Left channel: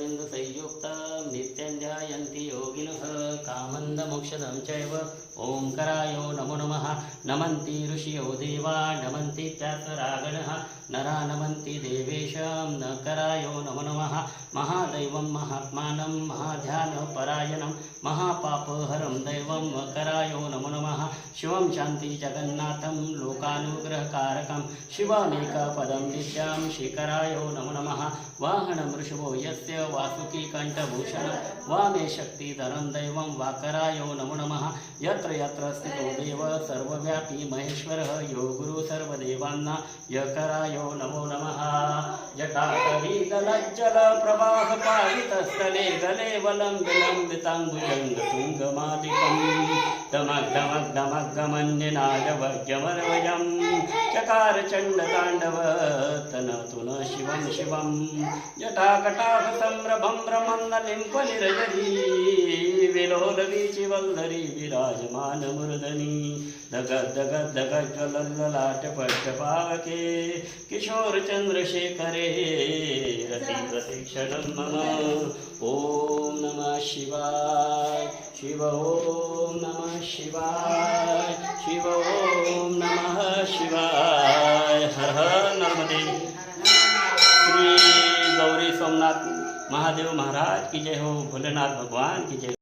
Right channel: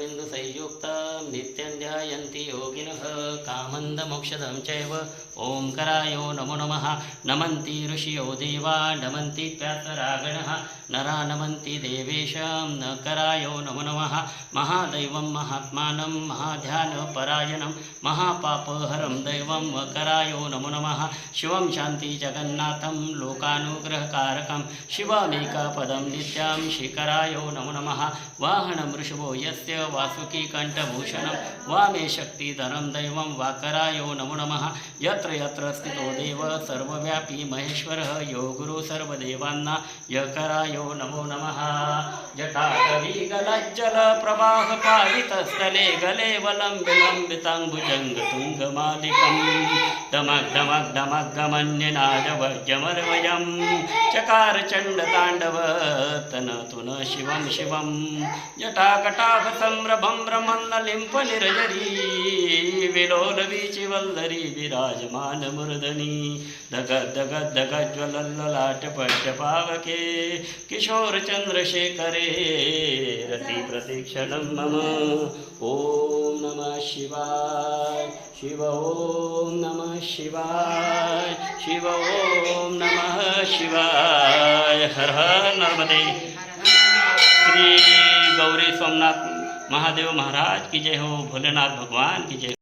चरणारविंद संयुक्तं नित्यं ध्यायन्ति योगिनः कामन्दमोक्षदं चैव ओंकाराय नमो नमः। नमन्ति ऋषियो देवा नमन्ति प्यातरागणः नरा नमन्ति देवेशं नकराय नमो नमः। महादैवं महात्मानं महाध्यानपरायणं महापापहरं दैवं वकराय नमो नमः। शिवं शान्ति जगन्नाथं लोकानुग्रहकारकं शिवमेकपदं नित्यं शिखराय नमो नमः। वाहनं वृषभो यस्य वासुकी कंठभूषणं वामे शक्तिधरं दैवं वाकराय नमो नमः। यत्र यत्र स्थितो देव सर्वव्यापी महेश्वरः यो गुरु सर्वदेवान्ना यकराय नमो नमः। जटाटवीगलज्जलप्रवाहपालितस्थले गले वलं विलम्बिताम्बुजङ्गतुङ्गमालिकं दमग्धमग्धमग्गमन्यनादवर्जमरवयं चकार चण्डताण्डव तनतु न शिवं शिवं। जटाकटाह सम्रभं रमन्नलिम्पनिरजरी विलोलवीचिवल्लरी विराजमान मूर्धनि दगद्दगद्दगज्ज्वलल्ललाटपट्टपावके किशोर चंद्रशेखरे रति प्रतीक्षणं मम। ओम नमः शिवाय शिव ओम नमः शिवाय शिव ओम नमः शिवाय। हर हर नर्मदे। श्री गौरी सोमनाथ महादेव महाराज की जय हो। भोलेनाथ भगवान की जय।